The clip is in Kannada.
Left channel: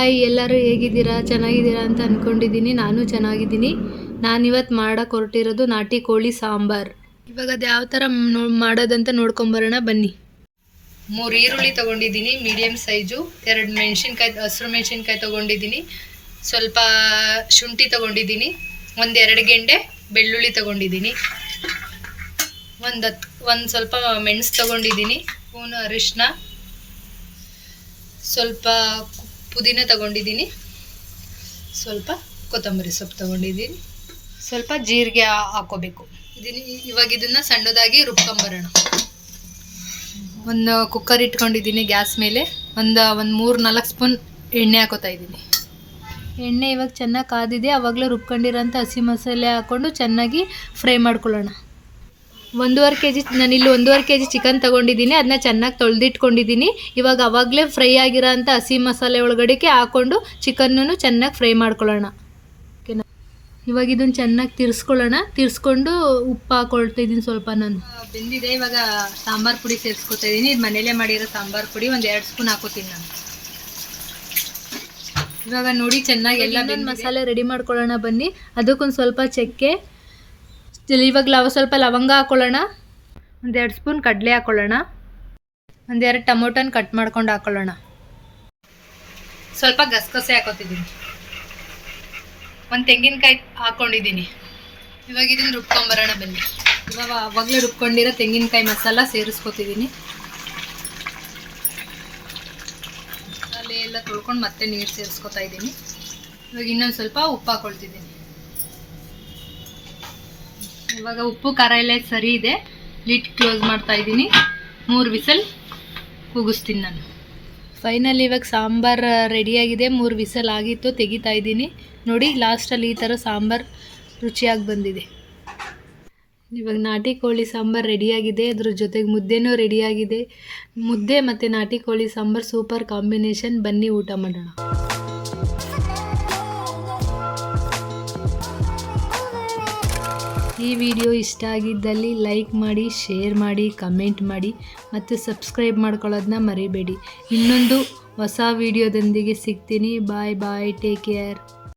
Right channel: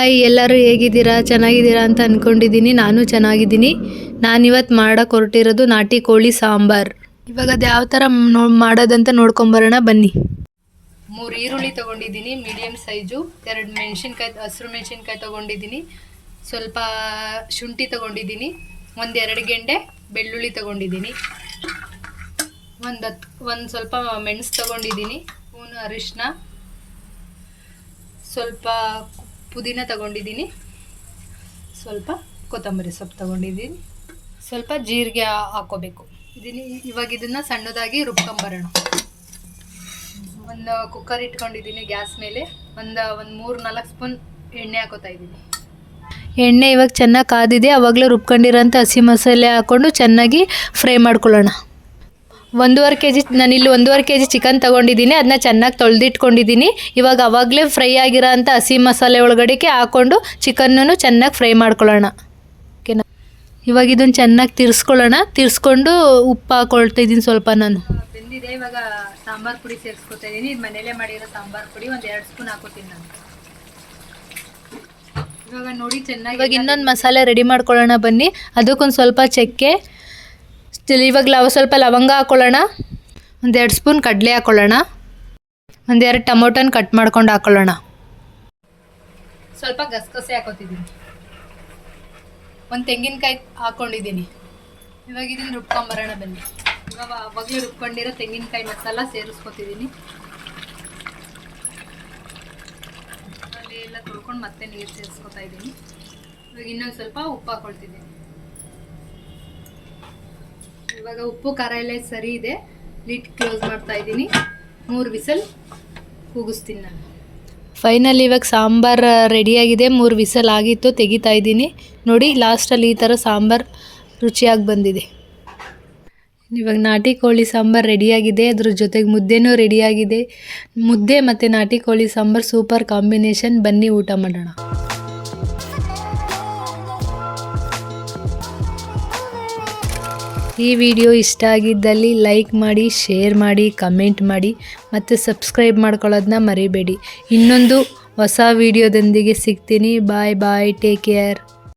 ಹಾಯ್, ಎಲ್ಲರೂ ಹೇಗಿದ್ದೀರಾ? ಚೆನ್ನಾಗಿದ್ದೀರಾ ಅಂತ ಅಂದ್ಕೊಂಡಿದ್ದೀನಿ ನಾನು ಚೆನ್ನಾಗಿದ್ದೀನಿ. ನಾನಿವತ್ತು ಮಾಡೋಕ್ಕೆ ಹೊರಟಿರೋದು ನಾಟಿ ಕೋಳಿ ಸಾಂಬಾರ್. ಇವಾಗ ಅದು ಯಾವ ಥರ ನೋ, ಮಾಡೋದಂತ ನೋಡ್ಕೊಂಬರೋಣ, ಬನ್ನಿ. ಮೂರು ಈರುಳ್ಳಿ ತೊಗೊಂಡಿದ್ದೀನಿ ಮೀಡಿಯಮ್ ಸೈಜು. ಎರಡು ಮೆಣಸಿನ್ಕಾಯಿ, ಹಸಿರು ಮೆಣಸಿನ್ಕಾಯಿ ತೊಗೊಂಡಿದ್ದೀನಿ. ಸ್ವಲ್ಪ ಶುಂಠಿ ತೊಗೊಂಡಿದ್ದೀನಿ. ಒಂದೆರಡು ಗೆಂಡೆ ಬೆಳ್ಳುಳ್ಳಿ ತೊಗೊಂಡಿದ್ದೀನಿ. ಒಂದು ಹತ್ತು ಒಂದು ಸ್ವಲ್ಪ ಮೆಣಸು ತೊಗೊಂಡಿದ್ದೀನಿ. ಸ್ಪೂನು ಅರಿಶಿನ ಸ್ವಲ್ಪ ಪುದೀನ ತಗೊಂಡಿದ್ದೀನಿ. ಸ್ವಲ್ಪ ಕೊತ್ತಂಬರಿ ಸೊಪ್ಪು ತಗೊಂಡಿದ್ದೀನಿ. ಸ್ವಲ್ಪ ಜೀರಿಗೆ ಹಾಕೋಬೇಕು. ಇದೀನಿ ಇವಾಗ ಇದನ್ನ ಸಣ್ಣದಾಗಿ ರುಬ್ಕೊಂಬರೋಣ. ಒಂದು ಕುಕ್ಕರ್ ಇಟ್ಕೊಂಡಿದ್ದೀನಿ ಗ್ಯಾಸ್ ಮೇಲೆ. ಒಂದು ಒಂದು ಮೂರು ನಾಲ್ಕು ಸ್ಪೂನ್ ಎಣ್ಣೆ ಹಾಕೋತಾ ಇದ್ದೀನಿ. ಎಣ್ಣೆ ಇವಾಗ ಚೆನ್ನಾಗಿ ಕಾದಿದೆ ಅವಾಗಲೇ ರುಬ್ಕೊಂಡಿರೋಂಥ ಹಸಿ ಮಸಾಲೆ ಹಾಕ್ಕೊಂಡು ಚೆನ್ನಾಗಿ ಫ್ರೈ ಮಾಡ್ಕೊಳ್ಳೋಣ. ಒಂದೂವರೆ ಕೆ ಜಿ ನಾನಿಲ್ಲಿ ಒಂದೂವರೆ ಕೆ ಜಿ ಚಿಕನ್ ತೊಗೊಂಡಿದ್ದೀನಿ. ಅದನ್ನ ಚೆನ್ನಾಗಿ ತೊಳೆದಿಟ್ಕೊಂಡಿದ್ದೀನಿ. ಇವಾಗ ಅವಾಗಲೇ ಫ್ರೈ ಆಗಿರೋ ಅಂಥ ಹಸಿ ಮಸಾಲೆ ಒಳಗಡೆಗೆ ಹಾಕ್ಕೊಂಡು ಚಿಕನ್ನೂ ಚೆನ್ನಾಗಿ ಫ್ರೈ ಮಾಡ್ಕೊಳ್ಳೋಣ. ಓಕೆನಾ ಇವಾಗ ಇದನ್ನು ಚೆನ್ನಾಗಿ ತಿರ್ಸ್ಕೊಳ್ಳೋಣ. ತಿರ್ಸ್ಕೊಂಡು ಉಪ್ಪು ಹಾಕೊಳ್ತಾ ಇದ್ದೀನಿ ಸ್ವಲ್ಪ ನಾನು. ಬೆಂದಿದೆ. ಇವಾಗ ಸಾಂಬಾರು ಪುಡಿ ಸೇರಿಸ್ಕೊತಾ ಇದ್ದೀನಿ. ಇದು ಮನೇಲೇ ಮಾಡಿರೋ ಸಾಂಬಾರು ಪುಡಿ ಒಂದು ಎರಡು ಸ್ಪೂನ್ ಹಾಕೋತೀನಿ ನಾನು. ಇವಾಗ ನೋಡಿ ಚೆನ್ನಾಗಿ ಇನ್ನೊಂದು ಮಸಾಲೆ ರೆಡಿ ಮಾಡ್ಕೊಳ್ಳೋಣ ಬನ್ನಿ. ಅದಕ್ಕೊಂದು ಸ್ವಲ್ಪ ಚಕ್ಕೆ ಇವಾಗ ಲವ ಸ್ವಲ್ಪ ಲವಂಗ ಹಾಕೊಳ್ಳೋಣ. ಒಂದೆರಡು ಸ್ಪೂನ್ ಕಡಲೆ ಹಾಕೊಳ್ಳೋಣ. ಒಂದೆರಡು ಟೊಮೊಟೊನ ಕಟ್ ಮಾಡ್ಕೊಂಡು ಹಾಕೊಳ್ಳೋಣ. ಸ್ವಲ್ಪ ಗಸಗಸೆ ಹಾಕೋತಿದ್ದೀನಿ. ಒಂದು ತೆಂಗಿನಕಾಯಿ ಹಾಕ್ಕೊಂಡಿದ್ದೀನಿ ಇವಾಗ ಇದನ್ನು ರುಬ್ಕೊಂಬರೋಣ ಬನ್ನಿ. ಇವಾಗ ಅವಾಗಲೇ ರುಬ್ಕೊಂಡಿರೋ ತೆಂಗಿನಕಾಯಿ ಮಸಾಲ ಸೇರಿಸ್ಕೊತಿದ್ದೀನಿ. ಮಸಾಲೆ ಎಲ್ಲ ತೊಳ್ಕೊಂಡು ಮತ್ತೆ ನೀರು ಸೇರಿಸ್ಕೊತಾ ಇದ್ದೀನಿ. ಇವಾಗ ಇನ್ನೊಂದು ಸ್ವಲ್ಪ ಉಪ್ಪು ಹಾಕೊಳ್ತಿದ್ದೀನಿ. ಇವಾಗ ಉಪ್ಪು, ಖಾರ ಎಲ್ಲ ಸರಿ ಇದೆ. ಲಿಟ್ ಕ್ಲೋಸ್ ಮಾಡ್ತಾ ಇದ್ದೀನಿ. ಮೂರು ವಿಸಲ್ ಕೂಗಿಸ್ತೀನಿ ನಾನು. ಫೈನಲ್ ಇವಾಗ ಸಾಂಬಾರ್ ರೆಡಿಯಾಗಿದೆ ಮೂರು ವಿಸಲ್ ಆಗಿತ್ತು, ತೆಗಿತಾ ಇದ್ದೀನಿ. ನೋಡಿ ಲಾಸ್ಟಲ್ಲಿ ಈ ಥರ ಸಾಂಬಾರು ರುಚಿಯಾಗಿ ಬಂದಿದೆ. ಇವಾಗ ನಾಟಿ ಕೋಳಿ ಸಾಂಬಾರು ರೆಡಿಯಾಗಿದೆ ಅದ್ರ ಜೊತೆಗೆ ಮುದ್ದೆನೂ ರೆಡಿಯಾಗಿದೆ ಮುದ್ದೆ ಮತ್ತು ನಾಟಿ ಕೋಳಿ ಸಾಂಬಾರು ಸೂಪರ್ ಕಾಂಬಿನೇಷನ್ ಬನ್ನಿ ಊಟ ಮಾಡೋಣ. ಈ ವಿಡಿಯೋ ಇಷ್ಟ ಆಗಿದ್ದಲ್ಲಿ ಲೈಕ್ ಮಾಡಿ, ಶೇರ್ ಮಾಡಿ, ಕಮೆಂಟ್ ಮಾಡಿ ಮತ್ತು ಸಬ್ಸ್ಕ್ರೈಬ್ ಮಾಡ್ಕೊಳ್ಳೋದನ್ನ ಮರಿಬೇಡಿ. ಇನ್ನೊಂದು ಹೊಸ ವಿಡಿಯೋದೊಂದಿಗೆ ಸಿಗ್ತೀನಿ. Bye bye, take care.